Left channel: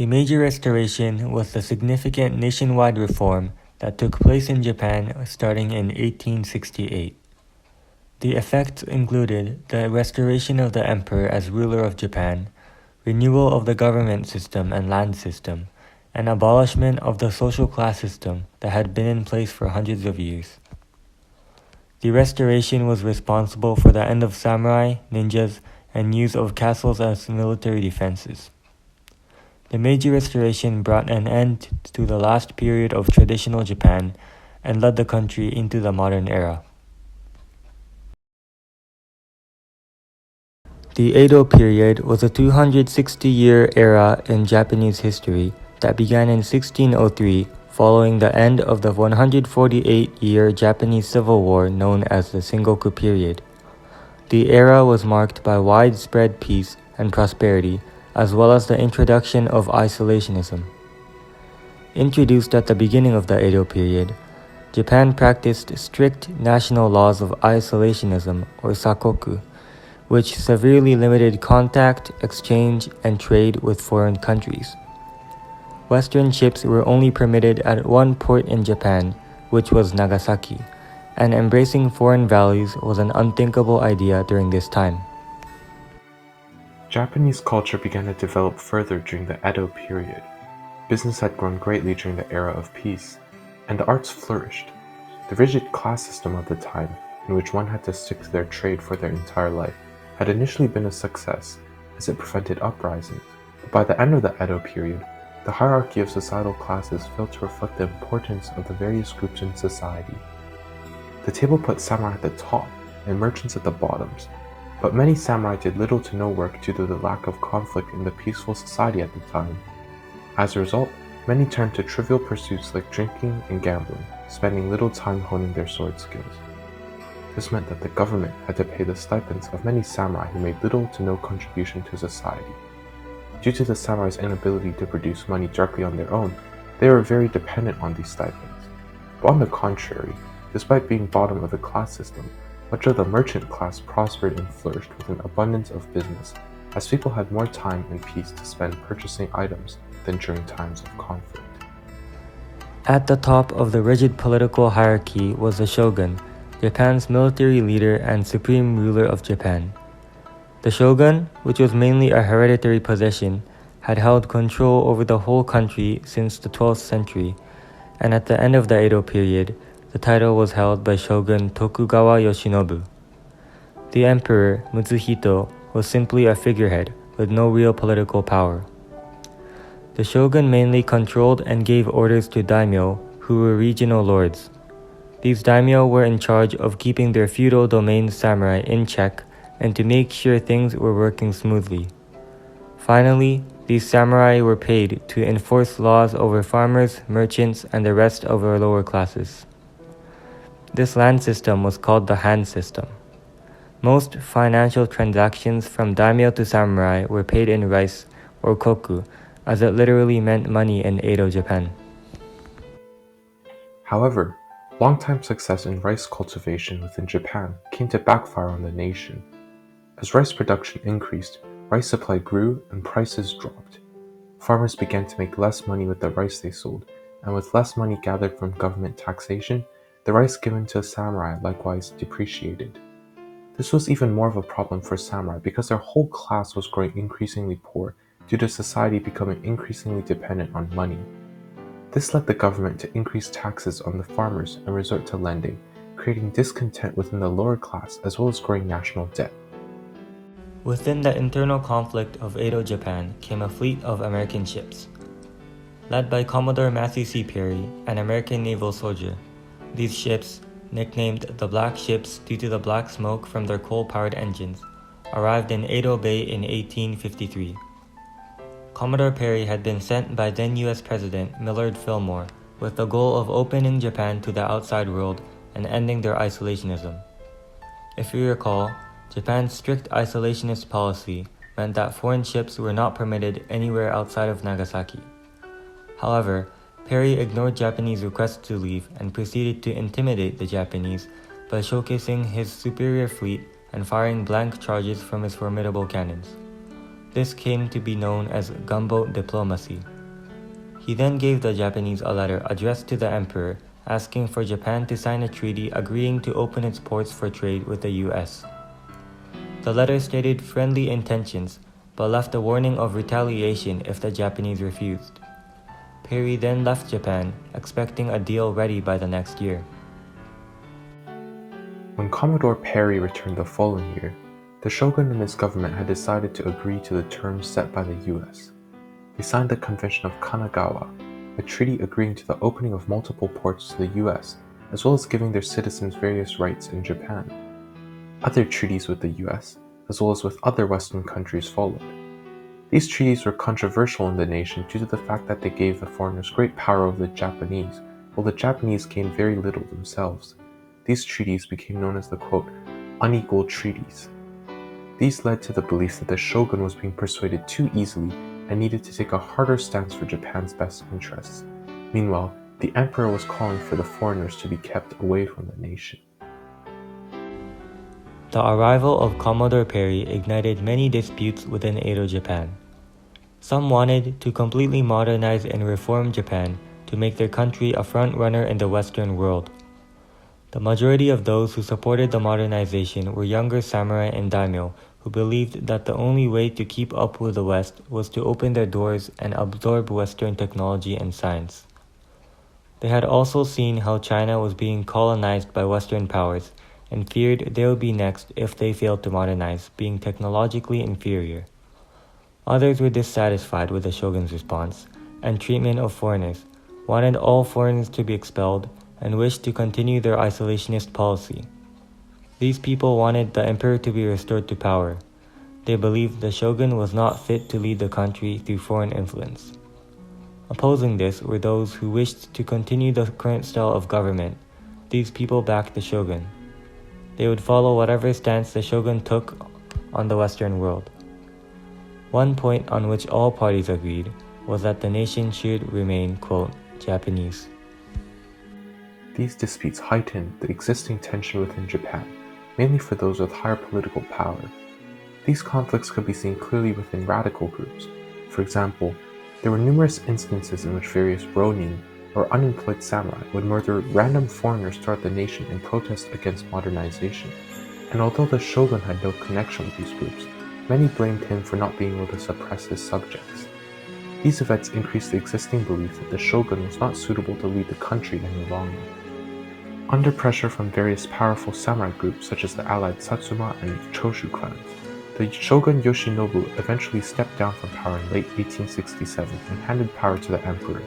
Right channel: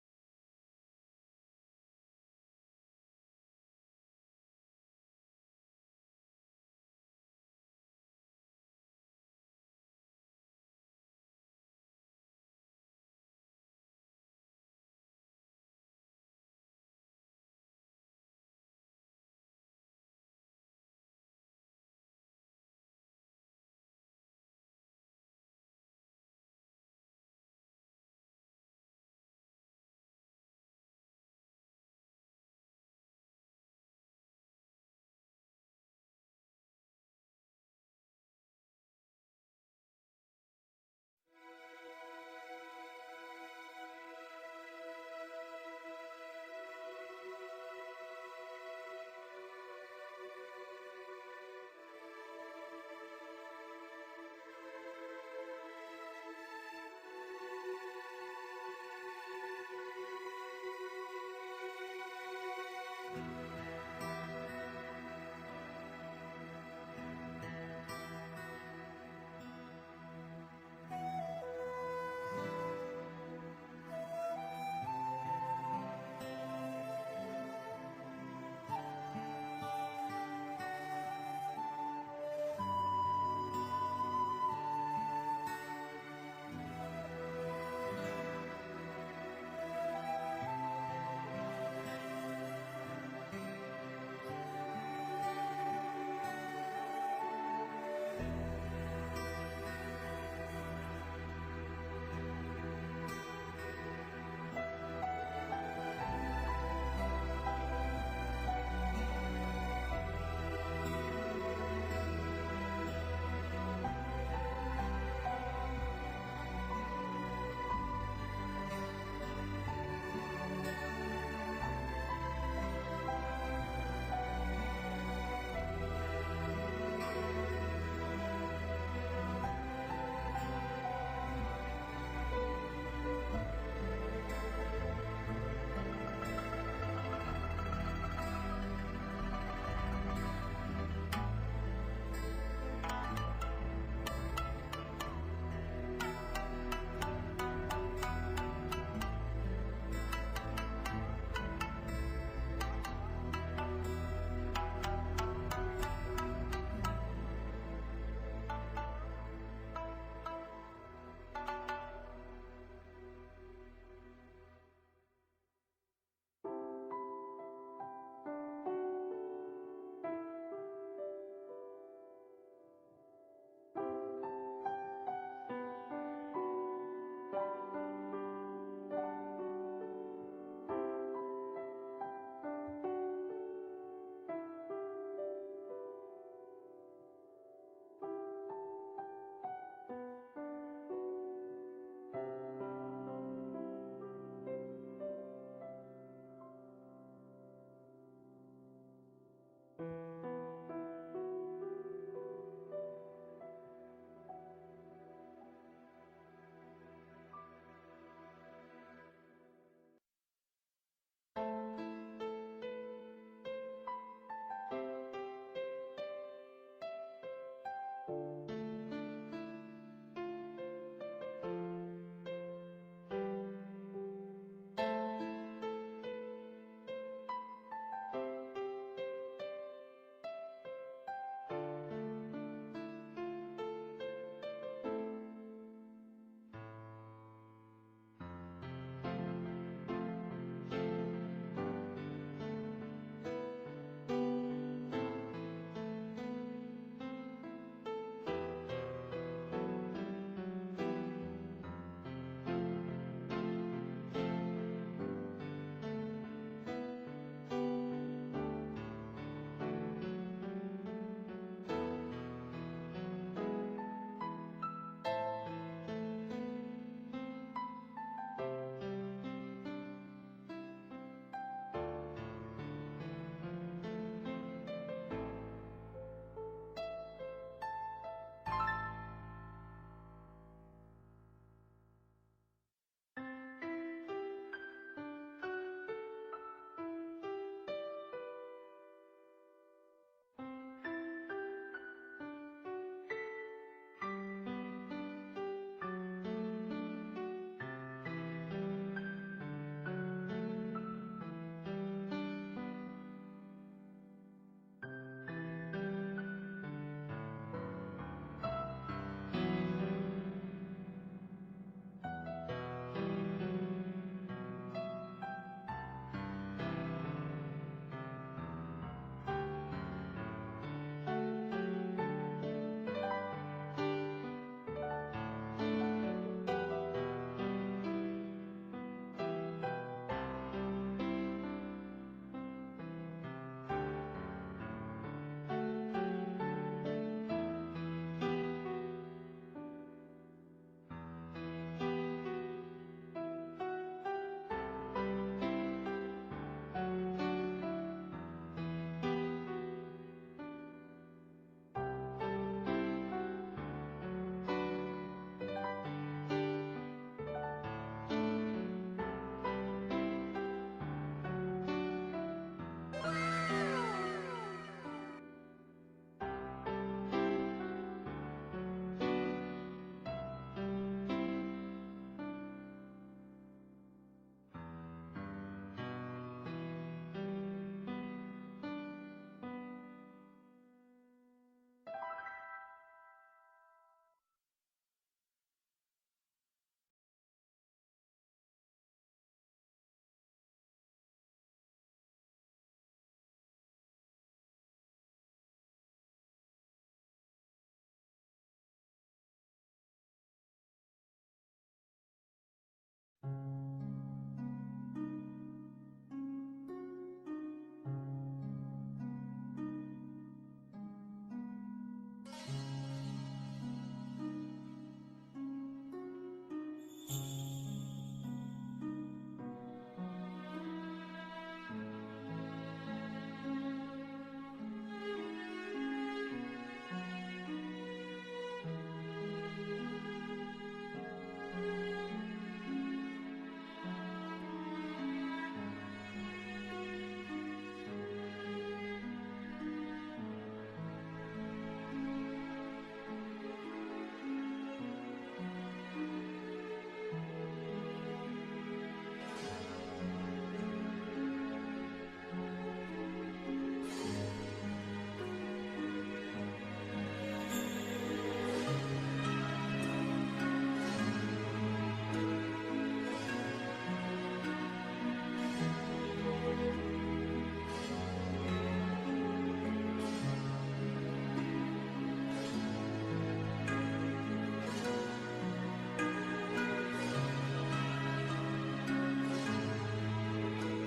The Meiji Restoration was the significant nationwide reform that took place in Japan starting in 1868. The effects included the restoration of the emperor as ruler of Japan, renewal of the government system and land system, and abolishment of the social class system that had been in place for hundreds of years. The restoration was responsible for the end of samurai, ninjas, and use of castles as military defenses. The Meiji Restoration brought an end to the last period of traditional Japan and led the country into the modern era. The Edo period was a 260-year era in Japanese history that began in 1603 following the end of the 148-year Japanese Civil War known as the Sengoku period. The era was marked by widespread peace and prosperity, as well as the introduction of isolationism. Introduced at the beginning of the Edo period, Japan practiced strict national laws of isolationism, or sakoku, which severely limited contact, exchange, and trade with foreign countries. Western ships were only permitted at one port in Japan, which was Nagasaki, and embracing foreign values was an unthinkable idea during this time. Japanese culture began to develop further during the Edo period. Business had grown greatly during the era of peace, and the arts flourished. The rigid class system of the time, in which one had to stick to their trade for their entire life, had initially been a success, as it prevented uprising. But by the end of the Edo period, the hierarchy of societal classes failed to reflect the importance of the various groups in society. The table put samurai at the top and merchants at the bottoms, but many samurai did little to no work due to the lack of conflict in the peaceful society at the time. As a result, many turned to trivial pursuits like drinking and gambling, spending little time honing their sword skills. This meant that the government had to pay the stipends of many samurai who made little to no contribution to society. Due to the samurai's inability to produce money directly on their own, they were very dependent on these stipends. But on the contrary, despite being bottom of the class system, much of the merchant class prospered and flourished with an abundance of business, as people had more time and peace to spend purchasing items than during times of conflict. At the top of the rigid political hierarchy was the shogun, Japan's military leader and supreme ruler of Japan. The shogun, which was mainly a hereditary position, had held control over the whole country since the 12th century, and at the end of the Edo period, the title was held by Shogun Tokugawa Yoshinobu. The emperor, Mitsuhito, was simply a figurehead with no real political power. The shogun mainly controlled and gave orders to daimyo, who were regional lords. These daimyo were in charge of keeping their feudal domain samurai in check and to make sure things were working smoothly. Finally, these samurai were paid to enforce laws over farmers, merchants, and the rest of our lower classes. This land system was called the Han system. Most financial transactions from daimyo to samurai were paid in rice, or koku, as it literally meant money in Edo, Japan. However, long-time success in rice cultivation within Japan came to backfire on the nation. As rice production increased, rice supply grew and prices dropped. Farmers began to make less money with the rice they sold, and with less money gathered from government taxation, the rice given to samurai likewise depreciated. This was even more of a problem for samurai because their whole class was growing increasingly poor due to society becoming increasingly dependent on money. This led the government to increase taxes on the farmers and resort to lending, creating discontent within the lower class as well as growing national debt. Within the internal conflict of Edo, Japan, came a fleet of American ships. Led by Commodore Matthew C. Perry, an American naval soldier, these ships, nicknamed the Black Ships due to the black smoke from their coal-powered engines, arrived in Edo Bay in 1853. Commodore Perry had been sent by then U.S. President Millard Fillmore with the goal of opening Japan to the outside world and ending their isolationism. If you recall, Japan's strict isolationist policy meant that foreign ships were not permitted anywhere outside of Nagasaki. However, Perry ignored Japanese requests to leave and proceeded to intimidate the Japanese by showcasing his superior fleet and firing blank charges from his formidable cannons. This came to be known as gunboat diplomacy. He then gave the Japanese a letter addressed to the emperor asking for Japan to sign a treaty agreeing to open its ports for trade with the US. The letter stated friendly intentions, but left a warning of retaliation if the Japanese refused. Perry then left Japan, expecting a deal ready by the next year. When Commodore Perry returned the following year, the shogun and his government had decided to agree to the terms set by the US. They signed the Convention of Kanagawa, a treaty agreeing to the opening of multiple ports to the US, as well as giving their citizens various rights in Japan. Other treaties with the US, as well as with other Western countries, followed. These treaties were controversial in the nation due to the fact that they gave the foreigners great power over the Japanese, while the Japanese gained very little themselves. These treaties became known as the quote, unequal treaties. These led to the belief that the shogun was being persuaded too easily and needed to take a harder stance for Japan's best interests. Meanwhile, the emperor was calling for the foreigners to be kept away from the nation. The arrival of Commodore Perry ignited many disputes within Edo Japan. Some wanted to completely modernize and reform Japan to make their country a front-runner in the Western world. The majority of those who supported the modernization were younger samurai and daimyo who believed that the only way to keep up with the West was to open their doors and absorb Western technology and science. They had also seen how China was being colonized by Western powers and feared they would be next if they failed to modernize, being technologically inferior. Others were dissatisfied with the shogun's response and treatment of foreigners, wanted all foreigners to be expelled, and wished to continue their isolationist policy. These people wanted the emperor to be restored to power. They believed the shogun was not fit to lead the country through foreign influence. Opposing this were those who wished to continue the current style of government. These people backed the shogun. They would follow whatever stance the shogun took on the Western world. One point on which all parties agreed was that the nation should remain, quote, Japanese. These disputes heightened the existing tension within Japan, mainly for those with higher political power. These conflicts could be seen clearly within radical groups. For example, there were numerous instances in which various ronin, or unemployed samurai, would murder random foreigners throughout the nation in protest against modernization. And although the shogun had no connection with these groups, many blamed him for not being able to suppress his subjects. These events increased the existing belief that the shogun was not suitable to lead the country any longer. Under pressure from various powerful samurai groups such as the allied Satsuma and Choshu clans, the shogun Yoshinobu eventually stepped down from power in late 1867 and handed power to the emperor.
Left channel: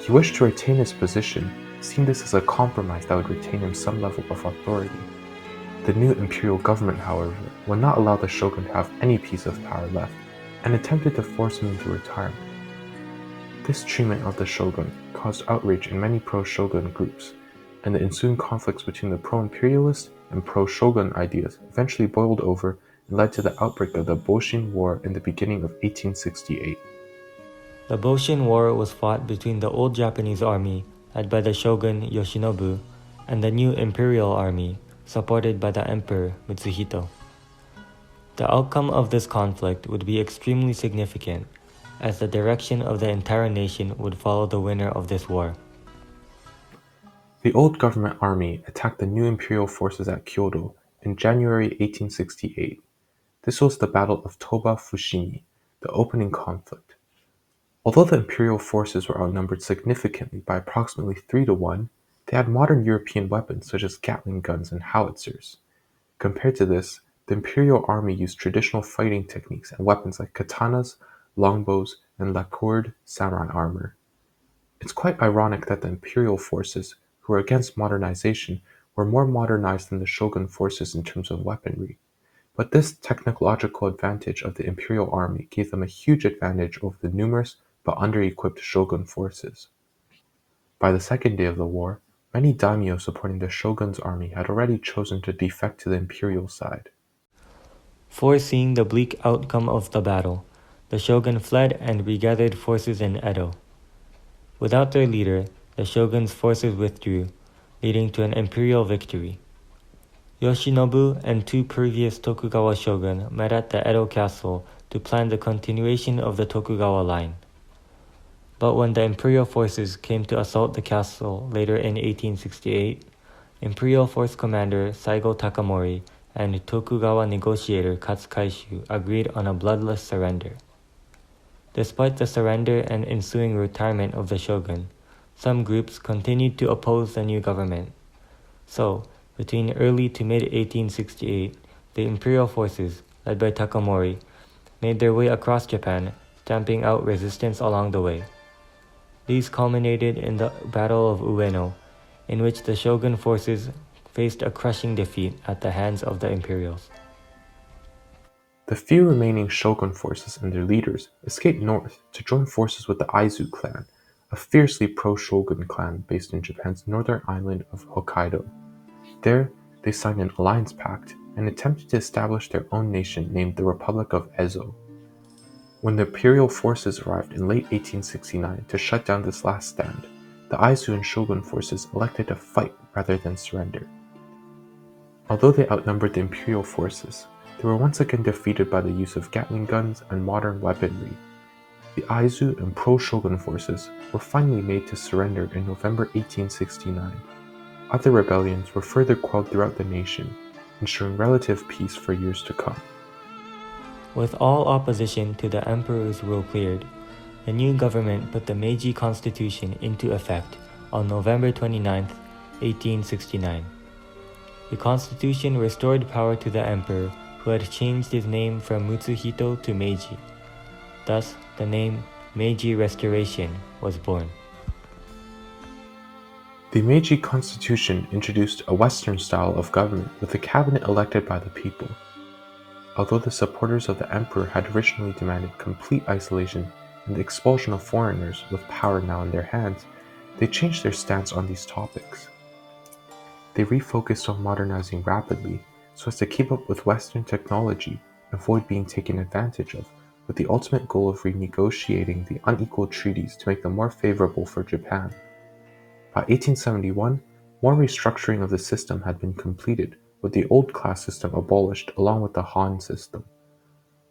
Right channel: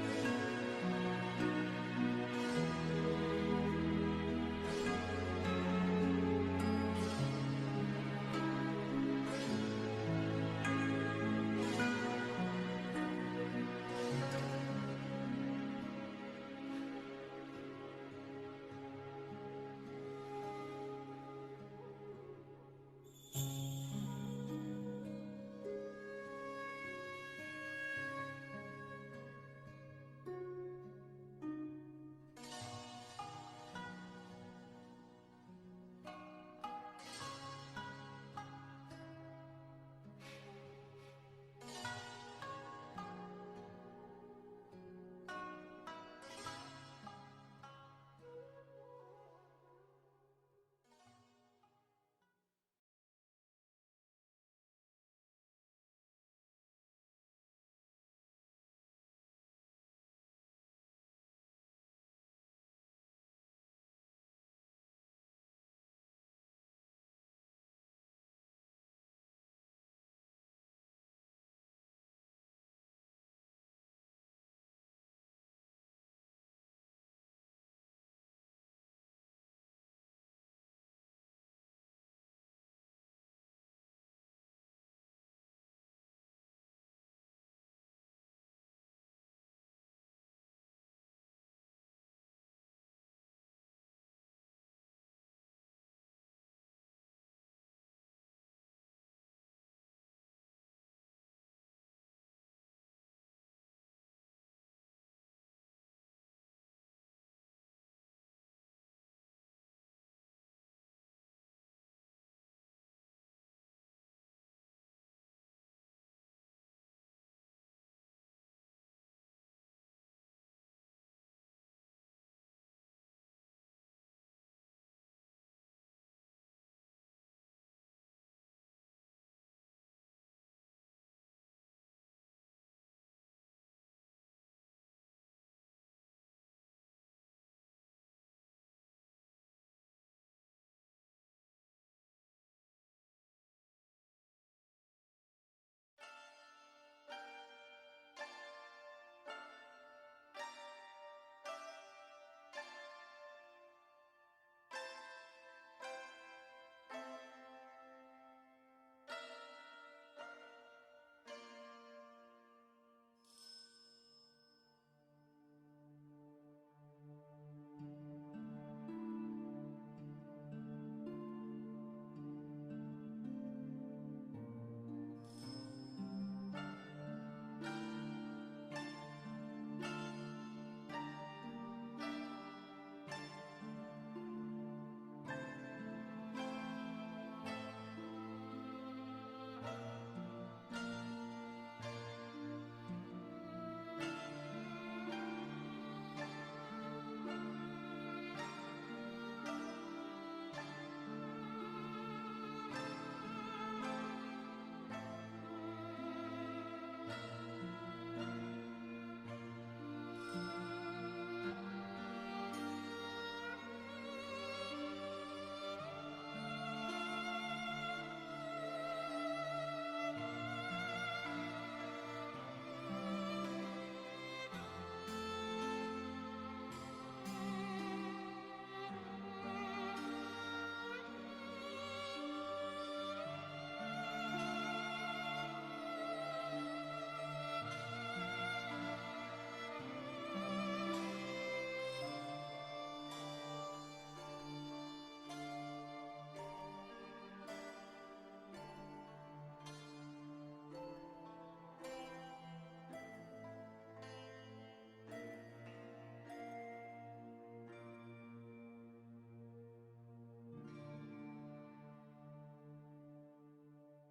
He wished to retain his position, seeing this as a compromise that would retain him some level of authority. The new imperial government, however, would not allow the shogun to have any piece of power left, and attempted to force him into retirement. This treatment of the shogun caused outrage in many pro-shogun groups, and the ensuing conflicts between the pro-imperialist and pro-shogun ideas eventually boiled over and led to the outbreak of the Boshin War in the beginning of 1868. The Boshin War was fought between the old Japanese army, led by the shogun Yoshinobu, and the new imperial army, supported by the emperor Mitsuhito. The outcome of this conflict would be extremely significant, as the direction of the entire nation would follow the winner of this war. The old government army attacked the new imperial forces at Kyoto in January 1868. This was the Battle of Toba Fushimi, the opening conflict. Although the imperial forces were outnumbered significantly by approximately 3-1, they had modern European weapons such as Gatling guns and howitzers. Compared to this, the imperial army used traditional fighting techniques and weapons like katanas, longbows, and lacquered samurai armor. It's quite ironic that the imperial forces, who were against modernization, were more modernized than the shogun forces in terms of weaponry. But this technological advantage of the imperial army gave them a huge advantage over the numerous but under-equipped shogun forces. By the second day of the war, many daimyo supporting the shogun's army had already chosen to defect to the imperial side. Foreseeing the bleak outcome of the battle, the shogun fled and regathered forces in Edo. Without their leader, the shogun's forces withdrew, leading to an imperial victory. Yoshinobu and two previous Tokugawa shogun met at the Edo castle to plan the continuation of the Tokugawa line. But when the imperial forces came to assault the castle later in 1868, Imperial Force Commander Saigo Takamori and Tokugawa negotiator Katsukaishu agreed on a bloodless surrender. Despite the surrender and ensuing retirement of the shogun, some groups continued to oppose the new government. So, between early to mid-1868, the imperial forces, led by Takamori, made their way across Japan, stamping out resistance along the way. These culminated in the Battle of Ueno, in which the shogun forces faced a crushing defeat at the hands of the Imperials. The few remaining shogun forces and their leaders escaped north to join forces with the Aizu clan, a fiercely pro-shogun clan based in Japan's northern island of Hokkaido. There, they signed an alliance pact and attempted to establish their own nation named the Republic of Ezo. When the imperial forces arrived in late 1869 to shut down this last stand, the Aizu and shogun forces elected to fight rather than surrender. Although they outnumbered the imperial forces, they were once again defeated by the use of Gatling guns and modern weaponry. The Aizu and pro-shogun forces were finally made to surrender in November 1869. Other rebellions were further quelled throughout the nation, ensuring relative peace for years to come. With all opposition to the emperor's rule cleared, the new government put the Meiji Constitution into effect on November 29, 1869. The constitution restored power to the emperor, who had changed his name from Mutsuhito to Meiji. Thus, the name Meiji Restoration was born. The Meiji Constitution introduced a Western style of government with a cabinet elected by the people. Although the supporters of the emperor had originally demanded complete isolation and the expulsion of foreigners with power now in their hands, they changed their stance on these topics. They refocused on modernizing rapidly so as to keep up with Western technology and avoid being taken advantage of, with the ultimate goal of renegotiating the unequal treaties to make them more favorable for Japan. By 1871, more restructuring of the system had been completed, with the old class system abolished along with the Han system.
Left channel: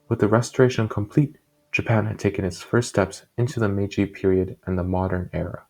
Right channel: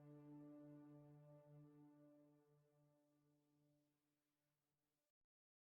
With the restoration complete, Japan had taken its first steps into the Meiji period and the modern era.